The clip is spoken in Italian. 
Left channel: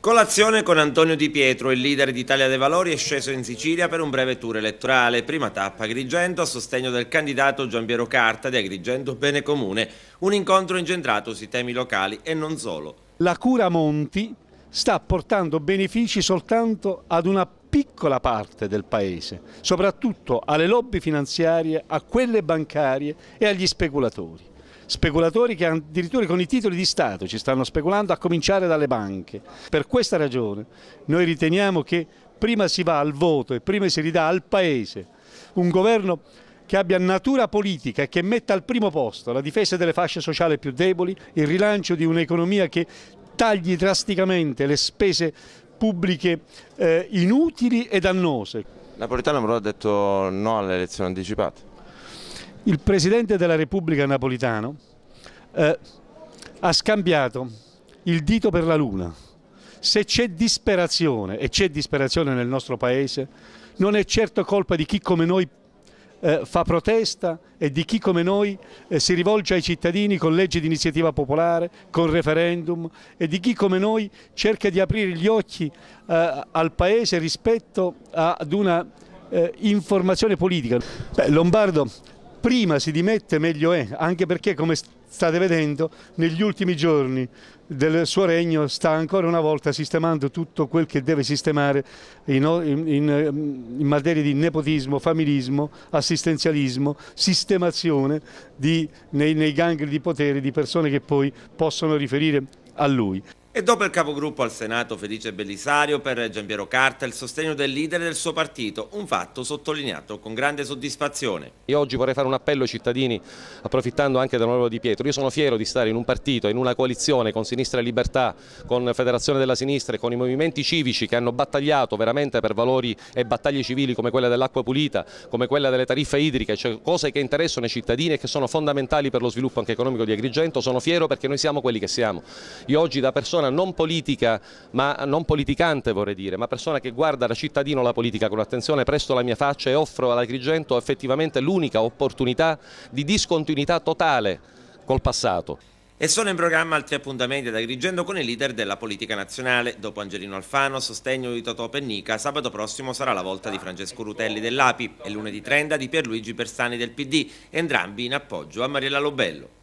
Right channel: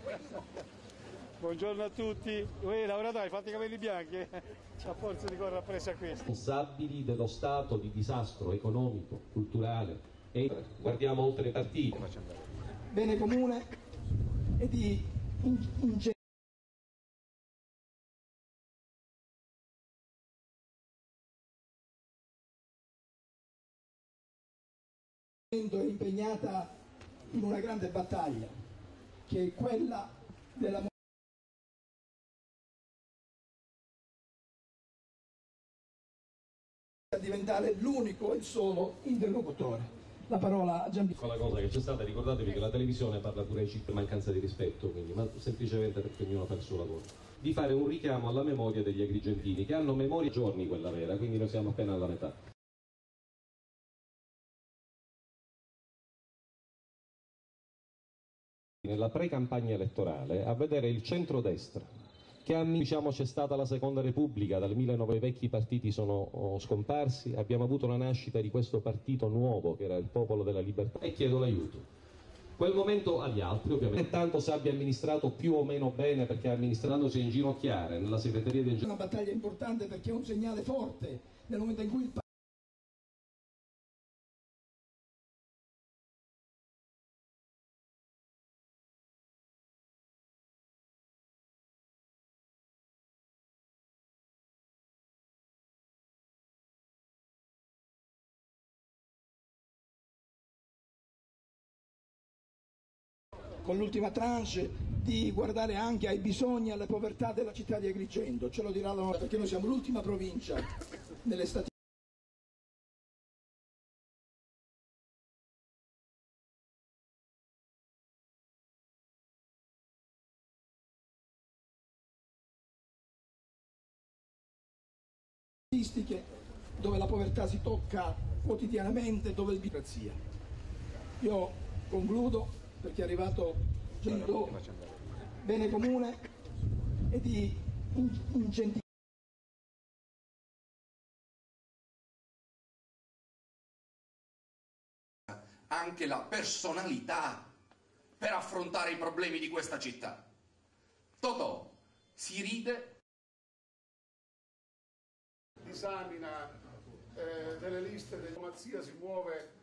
Colazione con Antonio Di Pietro, il leader di Italia dei Valori, è sceso in Sicilia per un breve tour elettorale. Prima tappa Agrigento a sostegno del candidato Giampiero Carta di Agrigento Bene Comune. Un incontro incentrato sui temi locali e non solo. La cura Monti sta portando benefici soltanto ad una piccola parte del paese, soprattutto alle lobby finanziarie, a quelle bancarie e agli speculatori. Speculatori che addirittura con i titoli di Stato ci stanno speculando, a cominciare dalle banche. Per questa ragione noi riteniamo che prima si va al voto e prima si ridà al Paese un governo che abbia natura politica e che metta al primo posto la difesa delle fasce sociali più deboli, il rilancio di un'economia che tagli drasticamente le spese pubbliche inutili e dannose. Napolitano però ha detto no alle elezioni anticipate. Il Presidente della Repubblica Napolitano ha scambiato il dito per la luna. Se c'è disperazione, e c'è disperazione nel nostro Paese, non è certo colpa di chi come noi fa protesta e di chi come noi si rivolge ai cittadini con leggi di iniziativa popolare, con referendum, e di chi come noi cerca di aprire gli occhi al Paese rispetto ad una informazione politica. Lombardo prima si dimette meglio è, anche perché, come state vedendo, negli ultimi giorni del suo regno sta ancora una volta sistemando tutto quel che deve sistemare in materia di nepotismo, familismo, assistenzialismo, sistemazione nei gangli di potere di persone che poi possono riferire a lui. E dopo il capogruppo al Senato Felice Bellisario, per Giampiero Carta il sostegno del leader del suo partito, un fatto sottolineato con grande soddisfazione. Io oggi vorrei fare un appello ai cittadini, approfittando anche dell'onorevole Di Pietro. Io sono fiero di stare in un partito, in una coalizione con Sinistra e Libertà, con Federazione della Sinistra e con i movimenti civici che hanno battagliato veramente per valori e battaglie civili come quella dell'acqua pulita, come quella delle tariffe idriche, cioè cose che interessano i cittadini e che sono fondamentali per lo sviluppo anche economico di Agrigento. Sono fiero perché noi siamo quelli che siamo. Io oggi, da persona non politica, ma non politicante vorrei dire, ma persona che guarda da cittadino la politica con attenzione, presto la mia faccia e offro all'Agrigento effettivamente l'unica opportunità di discontinuità totale col passato. E sono in programma altri appuntamenti ad Agrigento con i leader della politica nazionale. Dopo Angelino Alfano, a sostegno di Totò Pennica, sabato prossimo sarà la volta di Francesco Rutelli dell'API e lunedì 30 di Pierluigi Bersani del PD, entrambi in appoggio a Mariella Lobello.